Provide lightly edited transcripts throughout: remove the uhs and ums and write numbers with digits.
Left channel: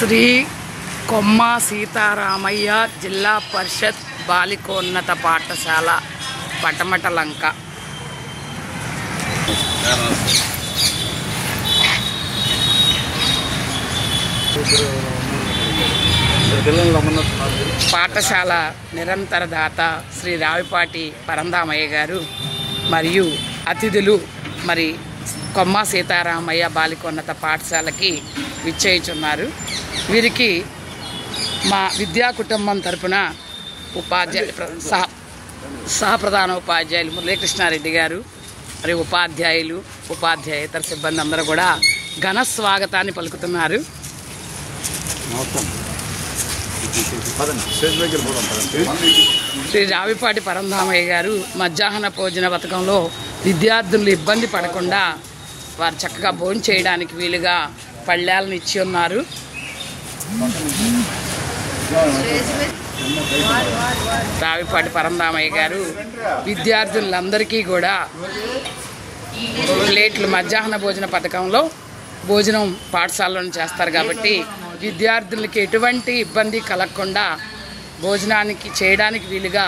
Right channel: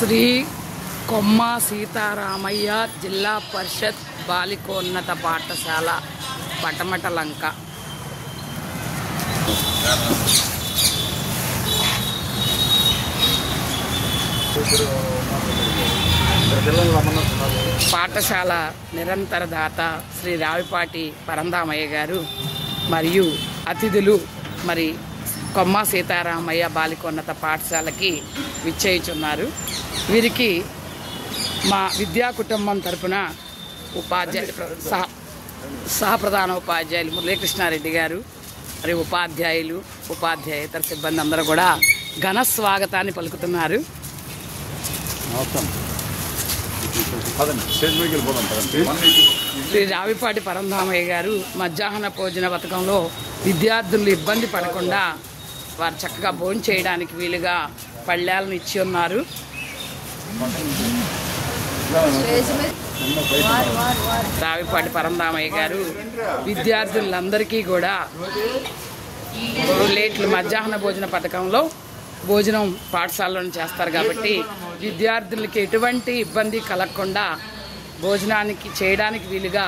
శ్రీ కొమ్మ సీతారామయ్య జిల్లా పరిషత్ బాలికోన్నత పాఠశాల పటమటలంక. పాఠశాల నిరంతర దాత శ్రీ రావిపాటి పరంధామయ్య గారు మరియు అతిథులు మరి కొమ్మ సీతారామయ్య బాలికోన్నత పాఠశాలకి విచ్చేయుచున్నారు. వీరికి మా విద్యా కుటుంబం తరపున సహప్రధాన ఉపాధ్యాయులు మురళీకృష్ణారెడ్డి గారు మరియు ఉపాధ్యాయులు ఉపాధ్యాయేతర సిబ్బంది అందరూ కూడా ఘన స్వాగతాన్ని పలుకుతున్నారు. శ్రీ రావిపాటి పరంధామయ్య గారు మధ్యాహ్న భోజన పథకంలో విద్యార్థులు ఇబ్బంది పడకుండా వారు చక్కగా భోజనం చేయడానికి వీలుగా పళ్ళాలను ఇచ్చి ఉన్నారు. రావిపాటి పరంధామయ్య గారు విద్యార్థులందరికీ కూడా ప్లేట్లు మధ్యాహ్న భోజన పథకంలో భోజనం పాఠశాలను చేస్తారు కాబట్టి విద్యార్థులకి ఎటువంటి ఇబ్బంది కలగకుండా భోజనానికి చేయడానికి వీలుగా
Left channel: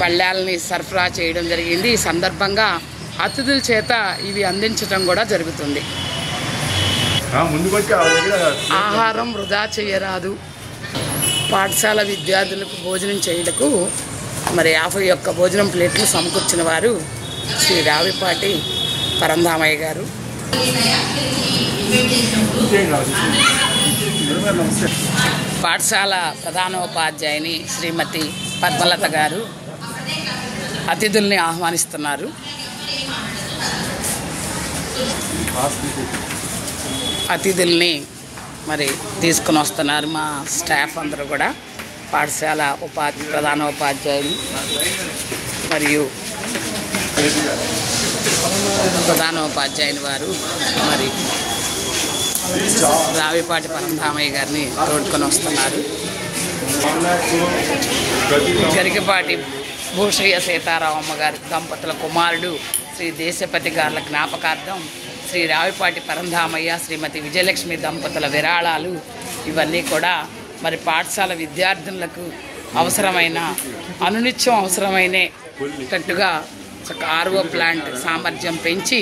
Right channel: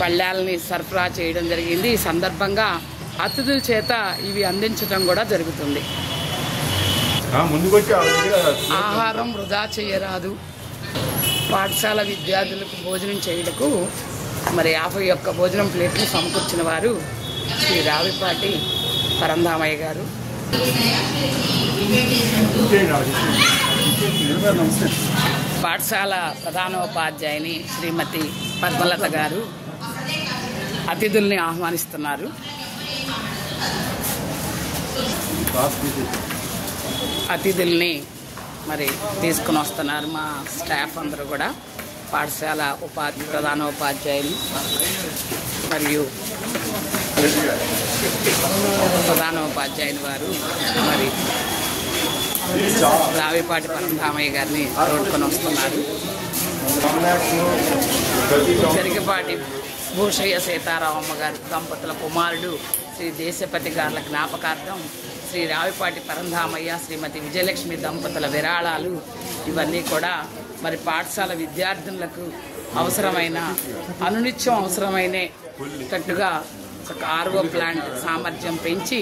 పళ్ళాలని సరఫరా చేయడం జరిగింది. ఈ సందర్భంగా అతిథుల చేత ఇవి అందించడం కూడా జరుగుతుంది. ఆహారం వృధా చేయరాదు. పాఠశాల విద్యార్థులకు భోజనం చేయుటకు మరి 51 భోజనం ప్లేట్లు సమకూర్చిన వారు శ్రీ రావిపాటి పరంధామయ్య గారు. పాఠశాల ప్రధానోపాధ్యాయుని శ్రీమతి పద్మలత గారు అతిథుల్ని ఆహ్వానిస్తున్నారు. అతిథుల్ని మరి తీసుకుని వస్తున్నారు మా స్టాఫ్ అందరూ కూడా. పాఠశాల ప్రధానోపాధ్యాయులు మరియు ప్రధానోపాధ్యాయుని వారు మరి రావిపాటి పరంధామయ్య గారిని తోడుకొని వస్తున్నారు. గరికపాటి భూషయ్య సీతారామమ్మ గారి దంపతుల కుమారుడు శ్రీ దేశపతి గారుల జ్ఞాపకార్థం శ్రీ రావిపాటి పరంధామయ్య శ్రీమతి విజయలక్ష్మి దంపతుల విరాళాలు ఇవన్నీ కూడా మరి పాఠశాల విద్యార్థులకు అవసరమైన అనునిత్యం అవసరమైనట్టుగా RO ప్లాంట్ సామర్థ్యం పెంచి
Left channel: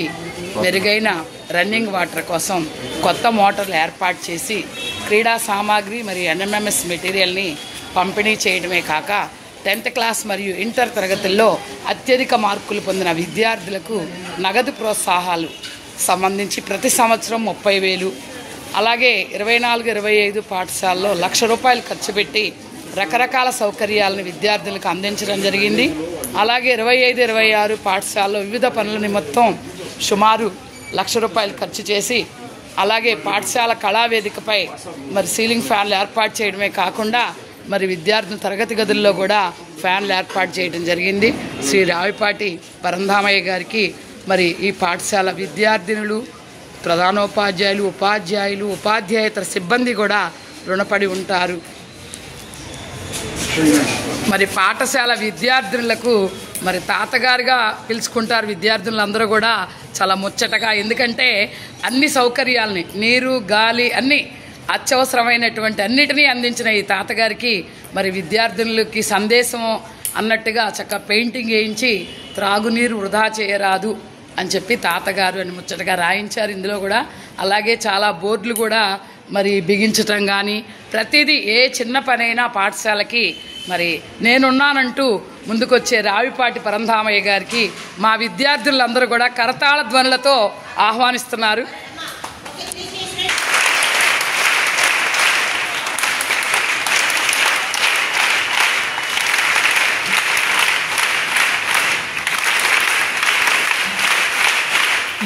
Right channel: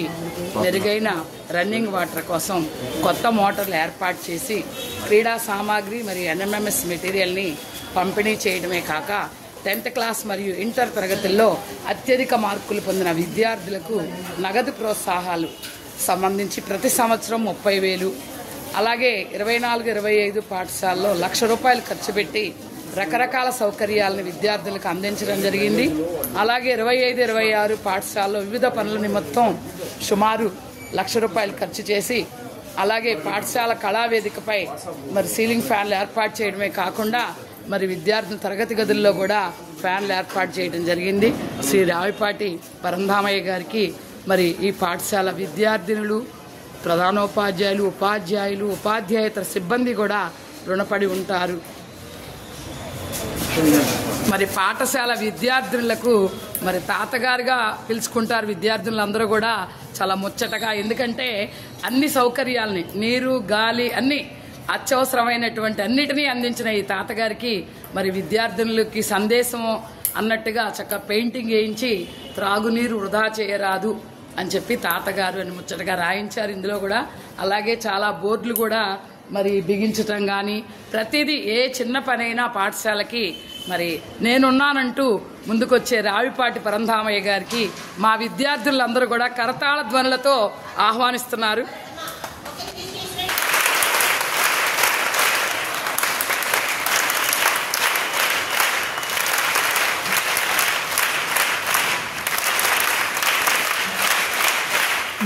మెరుగైన రన్నింగ్ వాటర్ కోసం కొత్త మోటార్లు ఏర్పాటు చేసి క్రీడా సామాగ్రి మరియు NMMS మెటీరియల్ని పంపిణీ చేయడమే కాక 10th క్లాస్ మరియు ఇంటర్ తరగతుల్లో అత్యధిక మార్కులు పొందిన విద్యార్థులకు నగదు ప్రోత్సాహాలు సంబంధించి ప్రతి సంవత్సరం 30,000, అలాగే 24-25 పాఠశాలలో ₹1,00,000 ఖర్చు పెట్టి రకరకాల సౌకర్యాలను విద్యార్థులకు అందించడం జరిగింది. అలాగే 25-26 పాఠశాలలో వివిధ పనుల నిమిత్తం సుమారు ₹1,00,000 ఖర్చు చేసి అలాగే పాఠశాల కళావేదికపై మరి సీలింగ్ ఫ్యాన్లు ఏర్పాటు చేయడమే కాకుండా మరి విద్యార్థుల తరగతి గదుల్లో కూడా ఫ్యాన్లు ఏర్పాటు చేయడం జరిగింది. శ్రీ రావిపాటి పరంధామయ్య గారికి మరి ఈ పాఠశాల విద్యార్థినులు ప్రధానోపాధ్యాయులు ఉపాధ్యాయేతర సిబ్బంది కూడా రుణపడి ఉంటారు. మరి పాఠశాల విద్యార్థులకు మరి తాతగారుగా పిలుచుకుంటారు విద్యార్థులందరూ కూడా చాలా ముచ్చటగా. ఎందుకంటే అన్ని సౌకర్యాలని నీరు గాలి అన్ని అత్యవసరమైనటువంటి అన్నిటినీ అందించిన ఈ తాతగారికి మరి విద్యార్థులకి సందేశం అన్నట్టుగా చక్కగా పెయింటింగ్ వేయించి త్రాగునీరు వృధా చేయరాదు అని చెప్పి తాతగారు అని ముచ్చటగా రాయించారు ఇందులో కూడా. అలాగే చాలా బోర్డులు కూడా మరి బిగించటం కానీ ప్రతిదీ ఏ చిన్న పనైనా పాఠశాలకి మరి నేనున్నానంటూ ముందుకొచ్చే రావిపాటి పరంధామయ్య గారికి మా విద్యార్థులందరూ కూడా కరతాళ ధ్వనులతో ఆహ్వానిస్తున్నారు.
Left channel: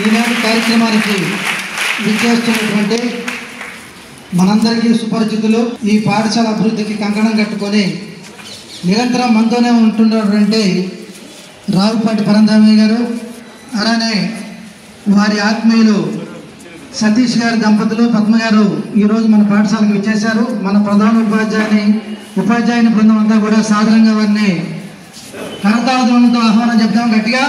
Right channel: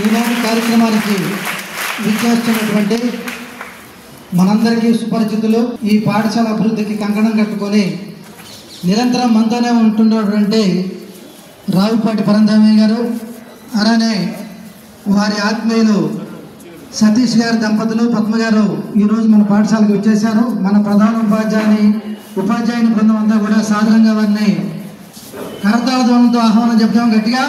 ఈనాటి కార్యక్రమానికి విచ్చేస్తున్నటువంటి మనందరికీ సుపరిచితులు, ఈ పాఠశాల అభివృద్ధికి కంకణం కట్టుకొని నిరంతరం మనతోనే ఉంటున్నటువంటి రావిపాటి పరంధామయ్య గారు, అలానే వారి ఆత్మీయులు సతీష్ గారి దంపతులు పద్మ గారు ఈరోజు మన పాఠశాలకు విచ్చేశారు. మన ప్రధాన ఉపాధ్యాయుని బృందం అంతా కూడా సాధారణంగా వారిని కరతాళధ్వనులతో ఆహ్వానం చెప్తాం గట్టిగా.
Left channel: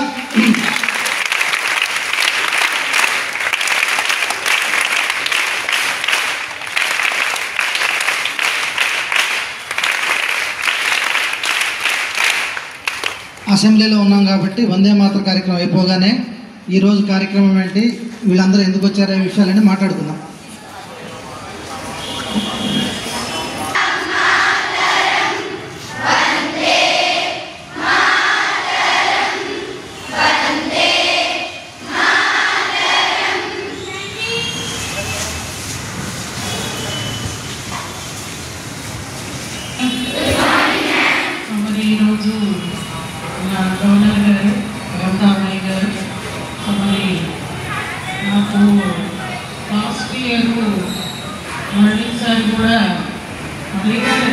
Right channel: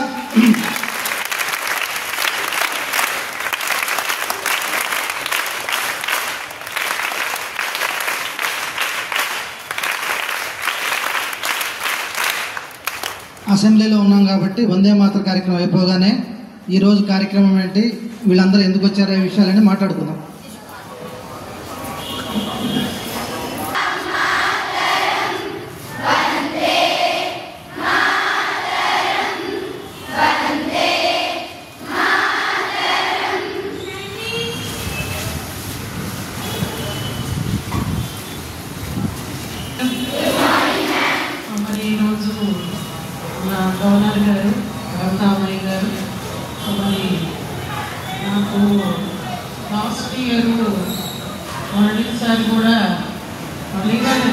అసెంబ్లీలో ఉన్నాం కాబట్టి వందే మాతర కార్యక్రమం అయిపోగానే ఈరోజు కార్యక్రమం ఏంటి, వీళ్ళందరూ ఎందుకు వచ్చారో ఈ విషయాలని మాట్లాడుకుందాం. మరి ఈరోజు గవర్నర్ గారు పరంధామయ్య గారు మరి నాకు లాస్ట్ ఇయర్ మొదటిసారి కూడా మళ్ళీ గారు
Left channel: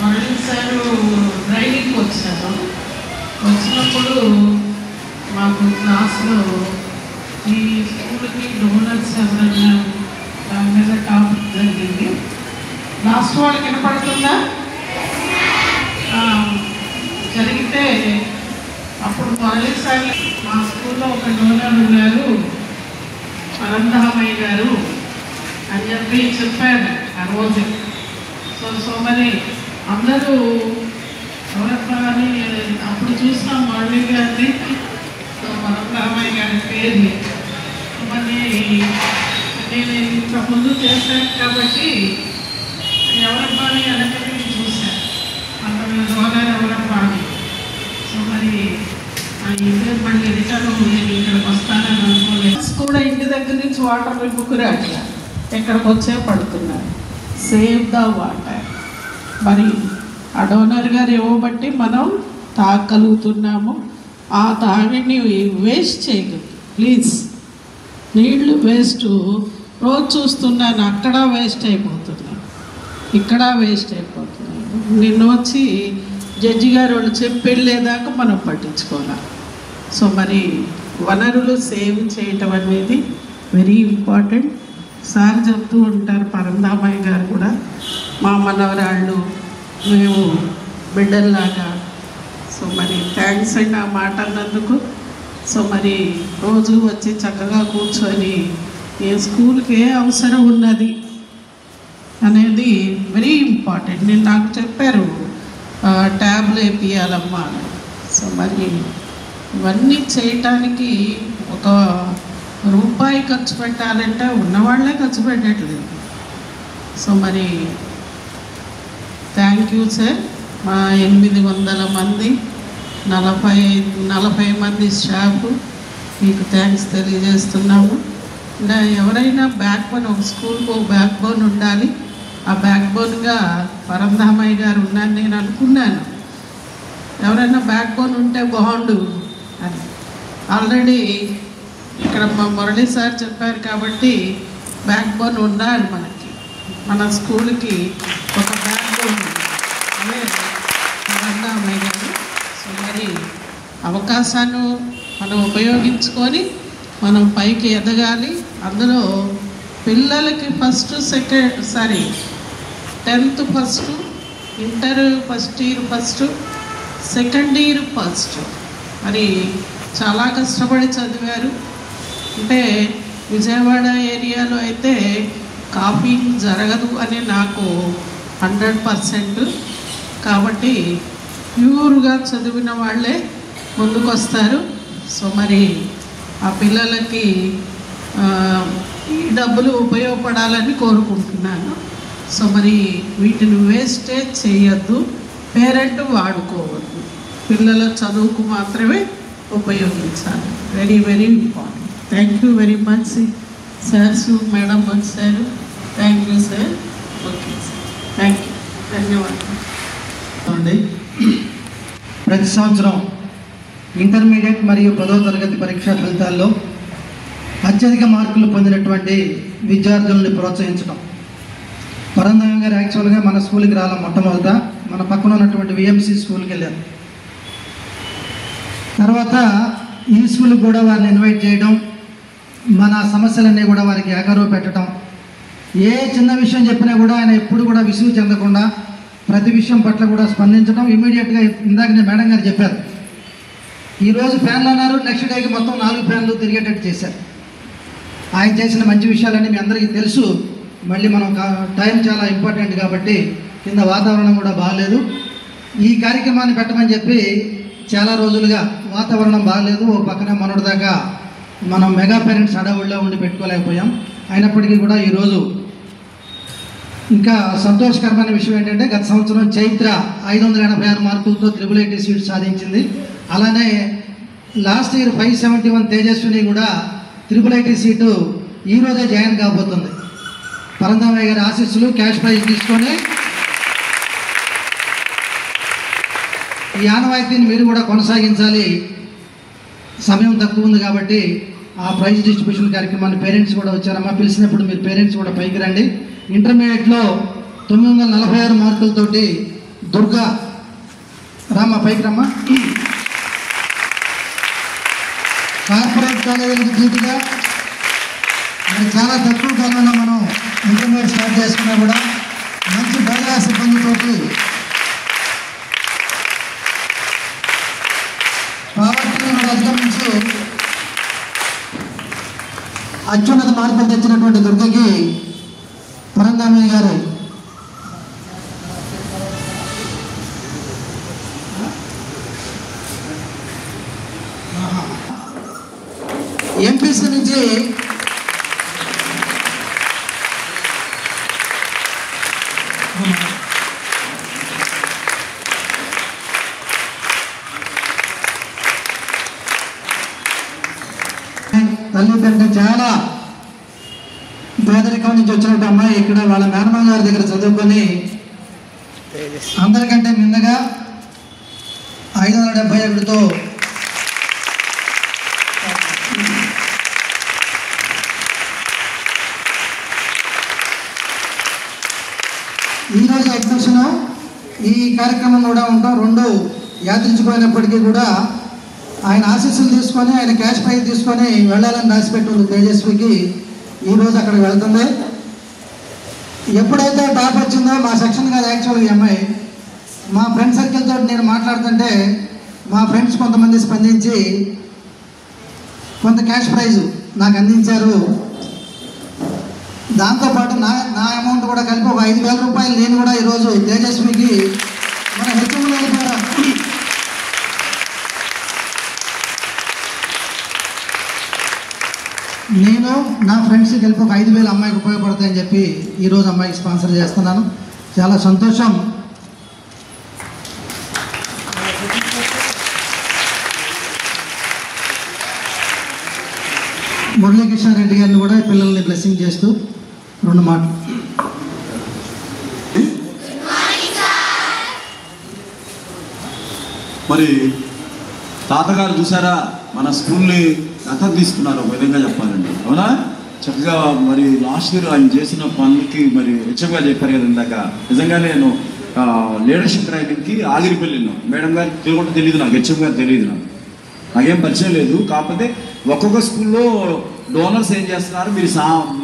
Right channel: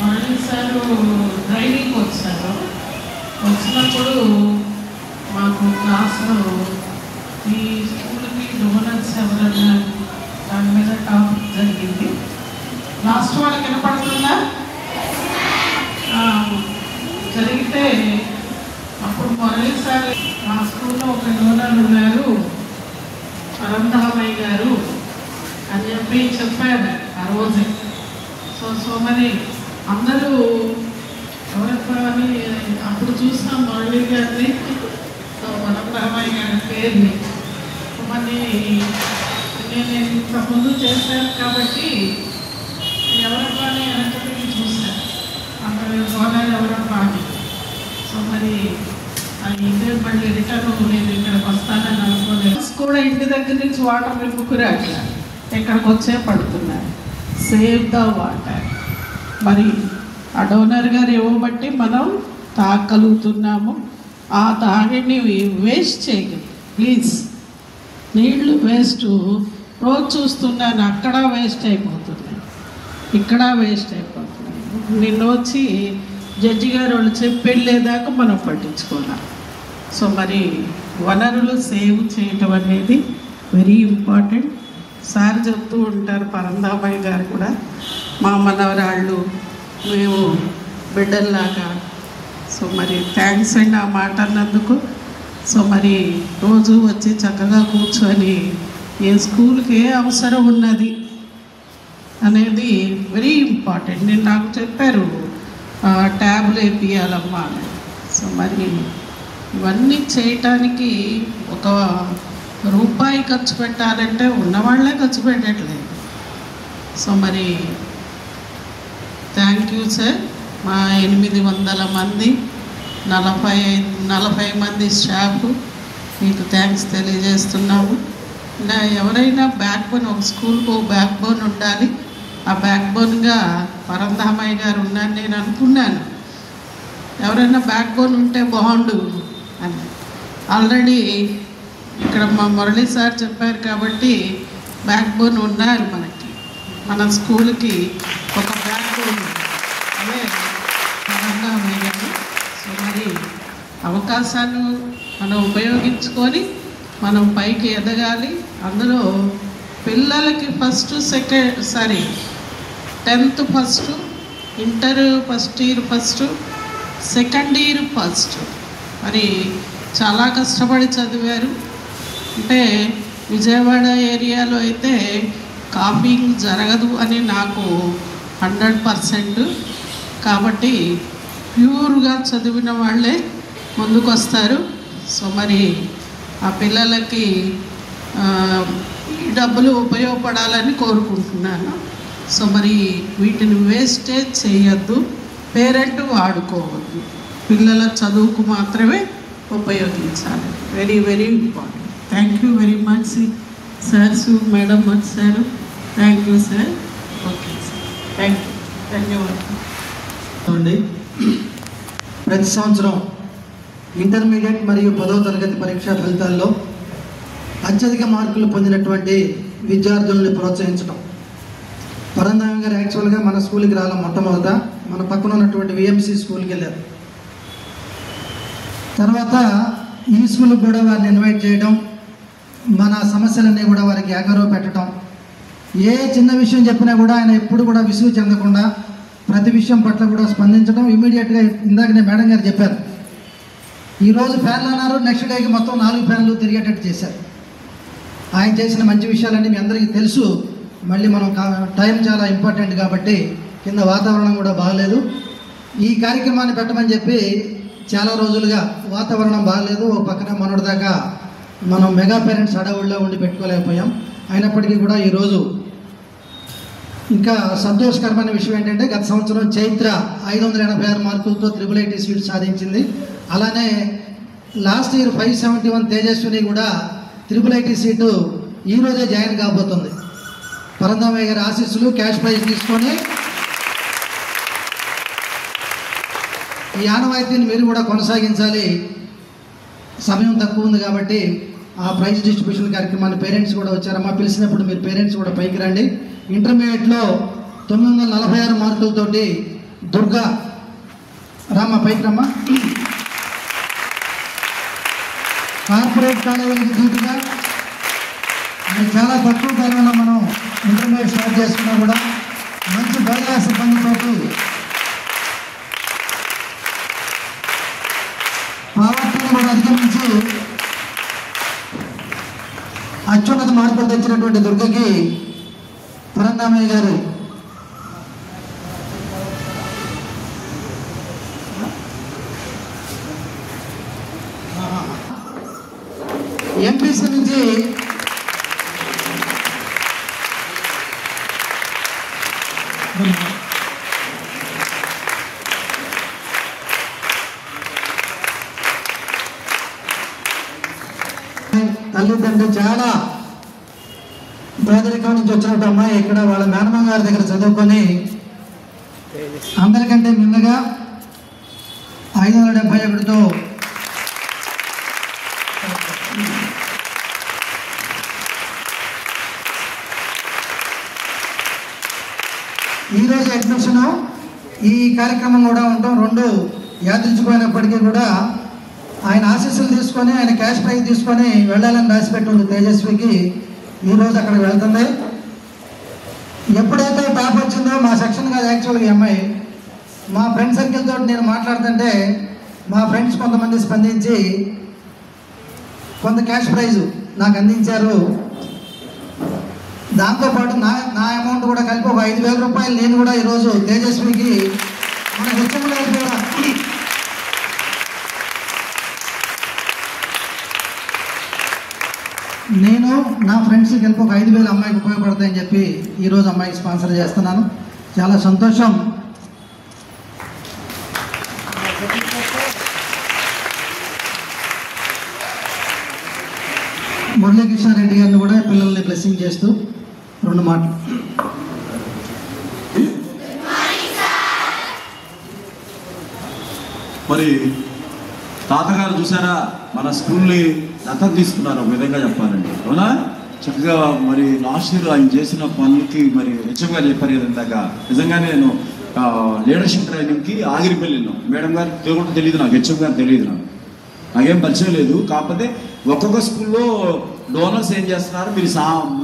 మొదటిసారి ట్రైనింగ్ వచ్చారు. వచ్చినప్పుడు మాకు క్లాస్లో ఈ స్కూల్కి డోనర్స్ ఎవరన్నా దాని మీద టాపిక్ జరిగింది. లాస్ట్ వాళ్ళకి వినపడుతుందా? జరిగితే అప్పుడు మొదటిసారి మా స్కూల్లో ఒక డోనర్ ఉన్నారు పరంధామయ్య గారు అని చెప్పి చెప్పారు ఆ రోజు. సో మరి అందరూ ఎవరప్పా అని అప్పుడు చూసాం మళ్ళీ గారిని, పరంధామయ్య గారి పేరుని. మరి నేను ఇంత ముందు చేశాను కాబట్టి ఎవరప్పా అని వెనకటి చూశాను, డోనర్ ఎవరప్పా అని. సో మరి ఇదే మళ్ళీ రిటర్న్ నేను ఇక్కడికి వస్తానని అనుకోలేదు. కూడా ఇంటి దగ్గర నుంచి వాటర్ నింపుకురాక ఇక్కడికి వచ్చే పడుతున్నారు. Save the water. మరి ఆ డోనర్ గారు ఇవ్వబట్టి మనం తాగలుగుతున్నాము. ఆ తాగిని వేస్ట్ చేయగలరు. ప్లీజ్, నీళ్లు వేస్ట్ రోజు చూస్తున్నాను, అక్కడ వేస్ట్ అయిపోతున్నాయి, ఇక్కడ వేస్ట్ అయిపోతుంది. నిన్న వచ్చి జడ్జి గారు వాళ్ళు చెప్పి వెళ్ళేదాకా మనం పట్టించుకోవాలి. సో మరి వనరులు సేవ్ చేయటం అనేది వెరీ ఇంపార్టెంట్. సార్ చెప్తూ ఉంటారు, పరంధామయ్య గారు కూడా, మా మనవరాళ్ళు మేము బిడ్డల్లాగా. సో మరి థ్యాంక్స్ అండి ఆ మాట అన్నందుకు. సో మరి రోజు వచ్చి చక్కగా కూర్చొని ఏ స్కూల్కి ఏ అవసరం ఉన్నది అనేది వెరీ ఇంపార్టెంట్. నేను నాకు చెప్పారు ట్యాబ్లు వేపియాలమ్మా. సో మరి ఇవన్నీ చేయటానికి ఒక రూపాయి ఖర్చు పెట్టాలంటే ఉన్నవాళ్ళే ఖర్చు పెట్టట్లేదు. సో మరి థ్యాంక్ యూ సార్. మా 800 మంది 40 మంది స్టాఫ్ మీకు థ్యాంక్స్ తెలియజేస్తున్నాము. ఎవరైనా బ్యాక్ బోన్, ఒక స్కూల్కి ఒక బ్యాక్ బోన్ ఉండాలి. ఆ బ్యాక్ బోన్గా పరంధామయ్య గారు ఉన్నారని నేను అనుకున్నాను. ఎవరైనా బ్యాక్ బోన్ ఉంటే బాగుండు అని. ఆల్రెడీ ఇక్కడ మా మురళి సార్ చెప్పారు కాబట్టి బ్యాక్ బోన్ ఉన్నారు మనకి. మన స్కూల్కి ఒక బ్యాక్ బోన్ అదే పరంధామయ్య గారు. సో మరి అవకాశాన్ని మనం ఉపయోగించుకొని మనం పైకి ఎదగాలి. అందులో పిల్లలకి first, 10th first, inter first year first, second year first. మరి చాలా కష్టపడి చదివారు. అంటే విజయవాడ ఏరియాలో అయితే కాపీయింగ్ జరగదు అని నాకు 100%. కాబట్టి ప్యూర్గా చదివిన వాళ్ళే ముందుకు వస్తారు. సో మరి ఆ పిల్లలకి ఈ డబ్బులు ఉపయోగపడాలని కోరుకుంటున్నాను. సో మరి వీటిని వేస్టేజ్ చేయొద్దు, పేరెంట్ వాడుకోవద్దు, పిల్లల చదువుకు మాత్రమే ఉపయోగించాలి. Very very important. Thank you very much sir. Madam వచ్చారు. Thank you sir. Okay sir, thank you, ధన్యవాదాలు. ప్రతి సంవత్సరం ఇంటర్మీడియట్ మరియు 10వ తరగతి పరీక్షా ఫలితాల్లో అత్యధిక మార్కులు పొందినటువంటి విద్యార్థులను ప్రోత్సహించడం. పరంధామయ్య గారు యాక్చువల్గా మన స్కూల్కి రాల మొట్టమొదట మన పక్కన ఉన్నటువంటి విఎంసి స్కూల్కి వెళ్ళారు. తర్వాత ఈ స్కూల్కి కూడా వారిని ఇన్వైట్ చేయడం, మన సమస్యలన్నీ కూడా వారికి ఏకారువు పెట్టడం. ఏ చిన్న విషయం చెప్పినా కూడా ఆయన ఎప్పుడు కూడా విసుగు చెందకుండా ప్రతి విషయం పట్ల కూడా స్పందించడం. ఇమీడియట్గా ఇందాక నేను మేడం గారు చెప్పారు, ఈరోజు ఫ్యాన్లు అన్నారు, నెక్స్ట్ డేకి మొత్తం 4 ఫ్యాన్లు తిరిగేటట్టు చేశారు. ఆయన చేసిన మంచి విషయాలన్నీ మీ అందరికీ తెలుసు. మళ్ళీ మనం టైం చాలా ఇంపార్టెంట్ కాబట్టి కింద వాతావరణం కూడా బాగలేదు. ఈ కార్యక్రమాన్ని పెట్టమని చెప్పి చాలా రోజులుగా వాతావరణం బాగలేదు. ఓ పక్కన మొన్నటిదాకా మనం మెగా పేరెంట్స్ హడావుడిలో ఉండి పెట్టుకోలేకపోయాం. అయినప్పటికీ కూడా ఈరోజు ఇంకా సంతోషకరమైన విషయం ఏంటంటే గత సంవత్సరం చైత్ర 586 మార్కులతో IIIT సీట్ సాధించింది. అలానే లాస్ట్ ఇయర్ 571 తేజస్విని కూడా IIIT సీటు ఈరోజే జాయిన్ కాబోతుంది. పరంధామయ్య గారి ఆశీస్సులు క్యాష్ ప్రైజ్ తీసుకొని ఈ ఆనవాయితీని మీరు కూడా కొనసాగించాలి. సమయం తక్కువ ఉంది కాబట్టి ఆ ప్రైజ్ డిస్ట్రిబ్యూషన్ కార్యక్రమాన్ని పేరెంట్స్ కూడా వచ్చారమ్మా. పిలిచినప్పుడు మీరు పేరెంట్స్ కూడా పైకి రండి. ఇంటర్మీడియట్లో 946 మార్కులతోటి దుర్గా రామ్మా, పైకి రమ్మా. కార్పొరేట్ కాలేజీలకు ధీటుగా మరి చాలా తక్కువ కాలంలో మనం ఇంటర్మీడియట్ స్టార్ట్ చేసుకున్నా కూడా మంచి బయలా సిబ్బందితోటి పావర్టీని కూడా అధిగమించి అత్యున్నత మార్కులు తెచ్చినటువంటి దుర్గకి పరంధామయ్య గారు ఎంపీసీ నుంచి తల్లిదండ్రులు చాలా పేదరికం నుంచి వచ్చినట్టు అమ్మాయి ఇక్కడ వాళ్ళ మేనమామ గారి దగ్గర చదువుకొని అందరికంటే మిన్నగా 571తో ఈరోజు ఎగ్జిబిషన్ ఈ కార్యక్రమం కూడా ఉంటాం. 2 యాత్రించిపోయినప్పటికీ కూడా ఆయన ఆశీస్సులు తీసుకొని ఆయన క్యాష్ ప్రైజ్ తీసుకొని వెళ్ళాలని రాసిపెట్టింది తేజస్వికి. ఈరోజు అక్కడికి వెళ్తుంది. ఎప్పుడైతే టాప్ వచ్చిందో మా సెక్షన్ కాదు యాక్చువల్గా ఈ అమ్మాయి, మా ఫ్రెండ్ సర్కిల్ తోటి నేను మాట్లాడుతుంటే మా ఫ్రెండ్స్ కొంతమంది స్పందించి కొంత క్యాష్ ప్రైజ్ నాకు అందించారు. దాంతోపాటు నా అమౌంట్ కూడా కలిపి ఒక 5,000 రూపాయలు నేను కూడా ఈరోజు తేజస్వికి మన హెచ్ఎంలో నేను నా ఫ్రెండ్స్కి కలిపి ఒక 5,000 అమ్మాయికి ఉపయోగపడతాయని చెప్పి ఈరోజు అమ్మాయికి స్పాన్సర్ చేస్తున్నాను. చాలా సంతోషం. మురళీకృష్ణారెడ్డి గారిని కూడా పిల్లల్ని బ్లెస్సింగ్ చేస్తూ 2 మాటలు. మరి తాతగారు చూసారా మన స్కూల్ని దత్తత తీసుకున్నారు ఒక విధంగా చెప్పాలండి, అవునా? చక్కగా మరి లాస్ట్ ఇయర్ ఆయన చేసిన పనులకి మరి హెచ్ఎం గారు చెప్పారు కదా ఇందాక. నిజంగానే నేను లీడర్షిప్ ట్రైనింగ్కి ఆగిరిపల్లిను మేడం గారు కూడా తెలియదు నాకు, హెచ్ఎం గారు తెలియదు నాకేం పరిచయం లేదు. కాకపోతే ఒక్కొక్క స్కూల్లో డోనర్స్ ఏం చేస్తున్నారు, మీరు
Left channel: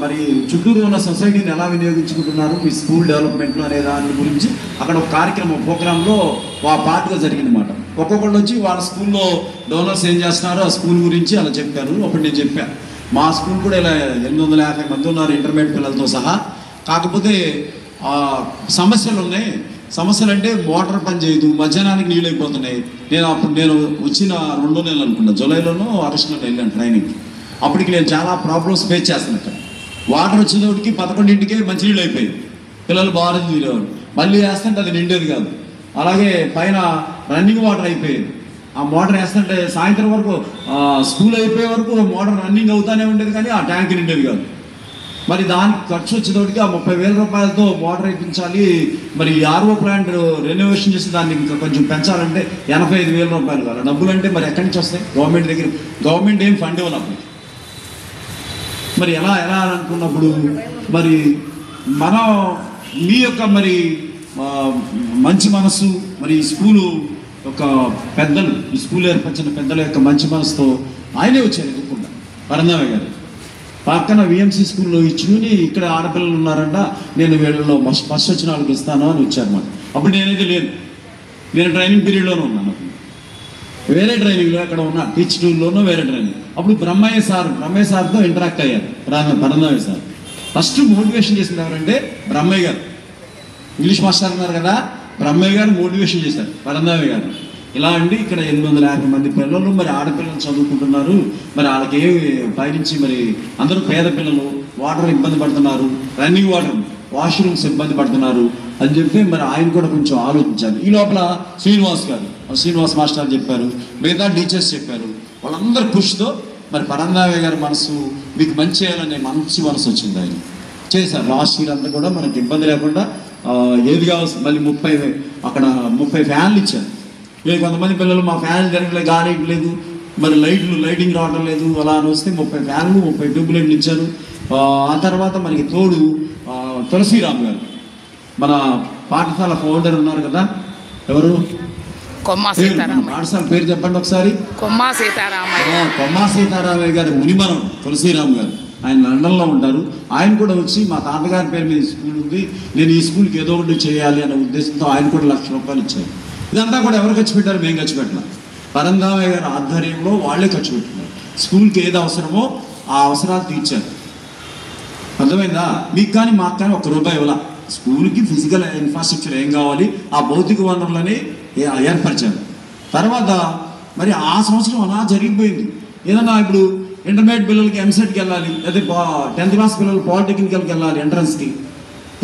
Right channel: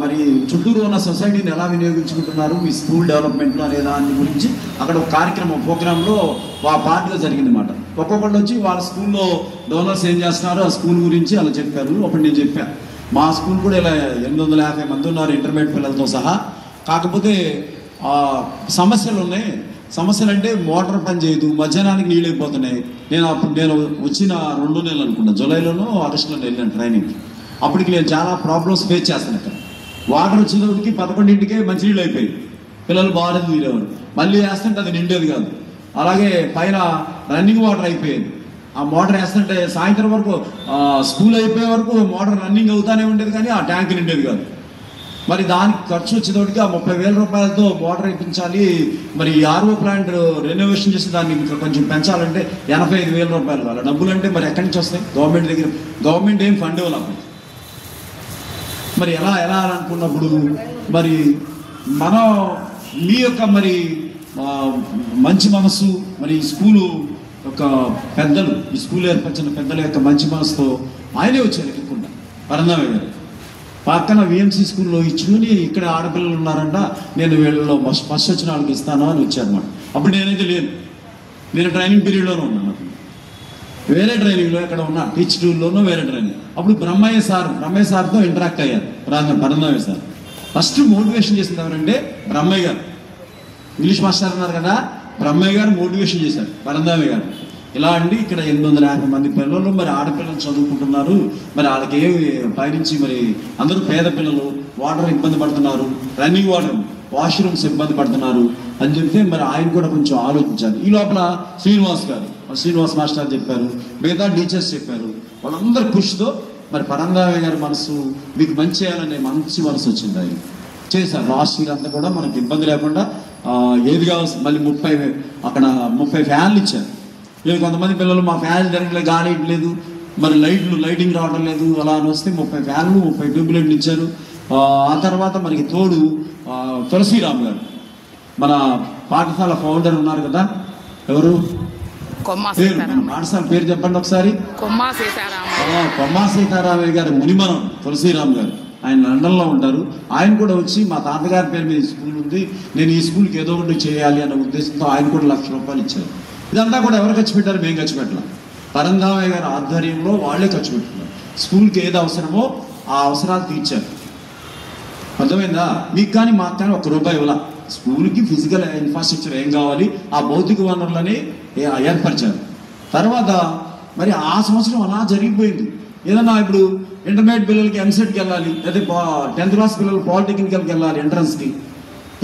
మరి చుట్టూరు ఉన్న సొసైటీని ఎలా వినియోగించుకుంటున్నారు మీ స్కూల్ డెవలప్మెంట్లో అనే దాని గురించి అక్కడ ఒక కార్యక్రమం ప్రోగ్రాంలో పార్ట్గా జరిగింది అన్నమాట. ఒక్కొక్కళ్ళు వచ్చి వాళ్ళ స్కూల్లో డోనర్స్ ఏం చేస్తున్నారో ఆ స్కూల్ గురించి అలా చెప్పారు. అప్పుడు నేను చెప్పాను మా స్కూల్ కూడా ఇలా 850 మంది ఉన్నారు ఇంటర్మీడియట్ పిల్లలతో సహా. కాకపోతే సమస్యలు ఉన్నాయి. సమస్యలు అంటే మోటార్ పని చేయదు, మధ్యాహ్నానికి నీళ్ళు అయిపోతున్నాయి. నేను వచ్చిన 2 నెలలు అనుకున్నా, జూలైలోనూ ఆగస్టులో వెళ్ళాను ట్రైనింగ్కి. అప్పటికి నేను చాలా ప్రాబ్లమ్స్ ఫేస్ చేస్తున్నాను. వాటర్ వచ్చేటప్పటికి 11ంటికే మంచినీళ్ళు అయిపోయింది, పిల్లలు బాగా తీరేవారు. మళ్ళీ వేస్తుంటే అది నిండేది కాదు. అలాగే పైన రన్నింగ్ వాటర్ అయిపోయింది. ఆ మోటార్ వేస్తుంటే సాయంత్రం వరకు స్కూల్ అయిపోయే వరకు మోటార్ రన్నింగ్ అవుతానే ఉండేది కానీ ఆ ట్యాంక్ నిండేది కాదు. మరి దానికి ఖర్చు వచ్చేటప్పటికి ఆ 30,000 రూపాయలతో మోటార్ వేయించాలి. మరి ఆర్ఓ ప్లాంట్ రెనోవేషన్ చేసి దాన్ని ఇంకా కొంచెం పెంచాలంటే 85,000 రూపాయలు కావాలి. డబ్బులు అంటే మరి ఎక్కడి నుంచి వస్తాయి? గవర్నమెంట్ దగ్గర గవర్నమెంట్ ఏం ఫండ్ ఇవ్వాలి. మరి ఎలా అని అనుకున్నప్పుడు మరి మనం మీ యొక్క మరి మంచి మనసు, మరి స్కూలు ఒక పెద్దలు, ఈ స్కూల్ ఏర్పరిచిన పెద్దల యొక్క మంచి మనసుతో ఆయనే వచ్చారు ఎదుర్కొంటారు. పరంధామయ్య గారు పక్కన విఎంసీ స్కూల్లో ఇచ్చుకుని ఇక్కడ ఆడపిల్లలు ఉన్నారంట, నేను వీళ్ళలో ఫస్ట్ వచ్చిన వాళ్ళకి ఇస్తాను అని వచ్చారు. అప్పుడు నేనైతే నేను ట్రైనింగ్ పీరియడ్లోనే ఉన్నాను. వేరే ట్రైనింగ్లో ఎక్కడ ఉన్నా టీచ్ టూర్లోనూ వేరే ట్రైనింగ్. అప్పుడు బ్రహ్మయ్య సార్తో ఇంటరాక్ట్ అయ్యారు పరంధామయ్య సార్. ఫస్ట్ మోటివేషన్ చేసింది ఎవరంటే బ్రహ్మయ్య గారు. ఇంగ్లీష్ మాస్టర్ ఉన్నారు కదా, బ్రహ్మయ్య గారు మోటివేషన్ చేశారు పరంధామయ్య గారు. ఇలా అండి ఇక్కడ 850 మంది పిల్లలు మరి ఆడపిల్లలు చదువుకుంటున్నారు, మరి వాళ్ళకి పైనుంచి మరి అందరూ పేద పిల్లలు, వాటర్ ఇబ్బంది పడుతున్నారు, రన్నింగ్ వాటర్ వాష్రూమ్స్ ఇబ్బంది పడుతున్నారు అని చెప్పి మరి ఆయన కూడా కొంచెం ఆలోచించారు. ఈ లోపల శ్రీనివాస్ మాస్టర్ చెప్పారు, మిగతా టీచర్స్ చెప్పారు. వాళ్ళందరూ కృషితో మరి పరంధామయ్య గారి మనసు మీకు మంచి చేయాలనే మంచి మనసు వచ్చింది. ఆయన చేశారు. లాస్ట్ ఇయర్ అంతా కూడా మనకి ఇబ్బంది లేకుండా ఏది కావాల్సి మళ్ళీ 30 ఫ్యాన్లు ఇచ్చారు. లేదు కొంతమంది పిల్లలు మా ఫ్యాన్లు తిరగలేదు, గాలి లేదు, మరి లైటింగ్ రావడం లేదు, అలా అని వస్తే 30 ఫ్యాన్లు 30 ట్యూబ్లైట్లు ఇచ్చారు. ఆ తర్వాత మనకి తోడు తులసిరామ్ గారు మన పాఠశాల ఫౌండర్ ఉన్నారు కదా, ఎవరు పాఠశాల పేరు చెప్పండి ఒకసారి. కొమ్మా సీతారామయ్య గారి మునిమనం తులసిరామ్ గారు, ఆయన లండన్లో ఉంటారు. ఆయన కూడా వచ్చి మా తాతగారి పేరు మీద స్కూల్ ఉంది, నేను ఈ స్కూల్కి ఏదో ఒకటి చేయాలి అనే ఉద్దేశంతో ఆయన కూడా 1,00,000 రూపాయలు ఇచ్చారు. ఇదంతా కూడా ఎవరు ఖర్చు పెట్టారు? మేము ఖర్చు పెట్టాం. పరంధామయ్య గారి ఆధ్వర్యంలో వాళ్ళే ఖర్చు పెట్టుకున్నారు. స్కూల్కి ఏది అవసరమో ఆ అవసరాలు తీర్చారు. అర్థమైందా? మీకు కానీ మాకు కానీ ₹1 ఇవ్వాల. స్కూల్కి ఫిజికల్ ఇన్ఫ్రాస్ట్రక్చర్ ఏం కావాలి, ఆ భౌతిక వనరులని ఏర్పరిచారు. తర్వాత మరి ఆ సంవత్సరం అలా జరిగిపోయింది. ఏదన్నా ఇప్పుడు ఇంటర్మీడియట్ పిల్లలకి ఎంసెట్కి వెళ్ళాలి, అదే 10th క్లాస్ పిల్లలు పాలిటెక్నికల్కి వెళ్ళాలి, ఎంట్రన్స్కి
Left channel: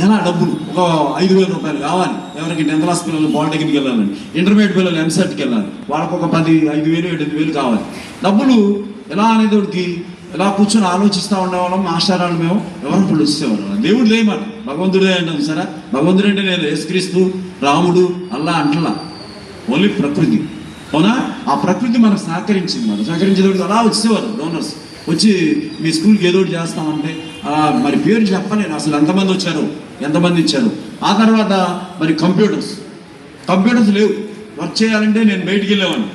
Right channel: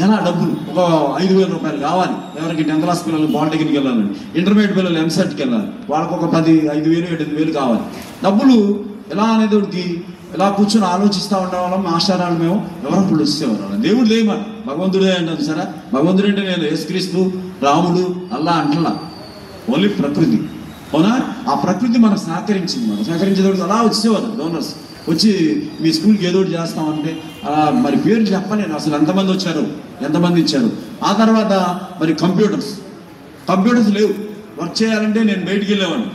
ఎలా డబ్బులు ఒక ₹5,000 కావాలి. ఎవరికి 10th క్లాస్ పిల్లలు పాలిటెక్నిక్కి వెళ్ళాలని, ఇంటర్మీడియట్ పిల్లలు ఎంసెట్కి వెళ్ళాలి, వాళ్ళకు ఒక 5,000 7,000 కావాలి. డబ్బులు ఎలా అనేది ఒకటి ఇలా కూర్చొని ఆలోచిస్తూ ఉండేవాళ్ళం. మాస్టర్ వాళ్ళు మేము ఎవరో ఒకళ్ళు ఇచ్చేవారు. దేవుడు లేమని భగవంతుడే అంటారు సరే. భగవంతుడు అంటే నేను యేసుక్రీస్తు, రాముడు, అల్లా అంటలా, ఓన్లీ ప్రకృతి. అవునా? ఆ ప్రకృతి మనకు సహకరించింది. మనం సహకరించేటప్పుడు అలా వచ్చేవారు డోనర్స్ వచ్చి మీ స్కూల్కి ఏదో ఒకటి చేస్తామంటే అలా మరి పేరు చెప్పలేదు అసలు ఎంతమంది వచ్చారు, ఎంతమంది ఇచ్చారు. ఆ తర్వాత మరి కంప్యూటర్స్ లేవు. వర్క్ చేయాలంటే నేను బయటికి వెళ్ళేవాడిని,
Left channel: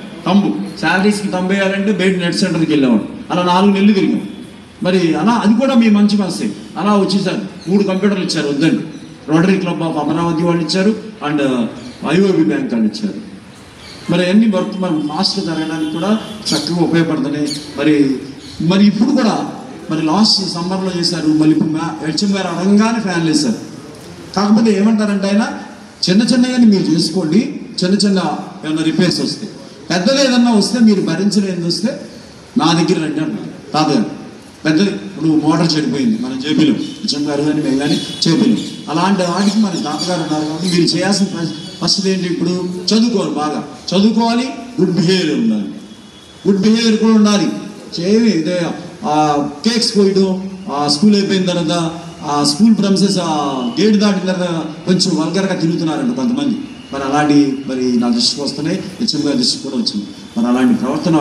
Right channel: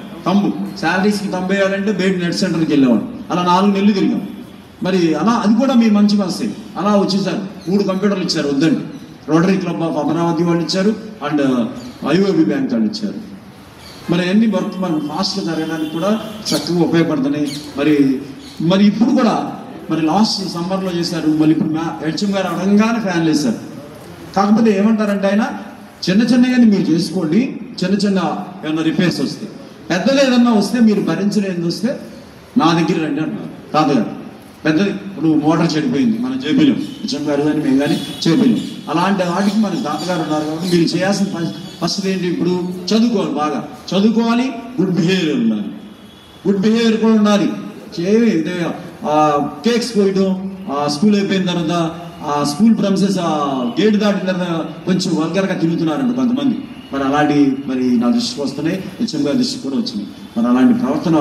శాలరీస్కి వేయాలంటే బయట నెట్ సెంటర్కి వెళ్ళేవాడు. అలా 4 నెలలు తిరిగాం. మరి అలా అది కూడా మీ మంచి మనసే. అలా వచ్చేసారు. 3 కంప్యూటర్లు ఇచ్చారు వద్దండి. రోటరీ క్లబ్ ఆఫ్ అమరావతి వాళ్ళు ఇచ్చారు అండ్ IOB బ్యాంక్ వాళ్ళు ఇచ్చారు. మరి అన్ని వర్క్ మనం ఫాస్ట్గా జరగడానికి కూడా చక్కగా ఉపయోగపడుతున్నాయి. మరి ఇప్పుడు కూడా మరి లాస్ట్ సమ్మర్లో చేశారు. మళ్ళీ ఇప్పుడు హెచ్ఎం గారు అనగానే ఫ్యాన్లు వేశారు. కాకపోతే ఏమంటారంటే ఆయన చిన్నగా మీరు చేసుకోండి, చిన్న ఏమన్నా రిపేర్స్ వస్తాయి, పెద్దగా ఏదన్నా వస్తే మీరు భరించలేని వస్తే నా దగ్గర రండి అంటున్నారు తాతగారు. పెద్ద ఇప్పుడు మోటార్ చెడిపోయింది, మనం చేపిలేం, హెచ్ఎం గారు కానీ మేము కానీ చేపిలేం. అలాంటి వాటికి మన తాతగారు అన్నారు కాబట్టి మీరు చేయాల్సిన ఫస్ట్ ఏంటి, ఇప్పుడు చదువుకోవాలి, బాగా చదువుకోవాలి, గుడ్ బిహేవియర్ ఉండాలి. గుడ్ బిహేవియర్ కూడా ఉండాలి. ఇదే కేక్స్ పోయడం, స్కూల్ అయిపోయిన తర్వాత ఆ స్కూల్ ప్రమిసెస్ గేట్ దాటిన తర్వాత కొంచెం వల్గర్గా తిరుగుతున్నారండి కొంతమంది. మరి అలాంటి మరి నా దృష్టికి వస్తున్నాయి, హెచ్ఎం గారి దృష్టికి కూడా వచ్చింది. మరి అలాంటి ప్రవర్తన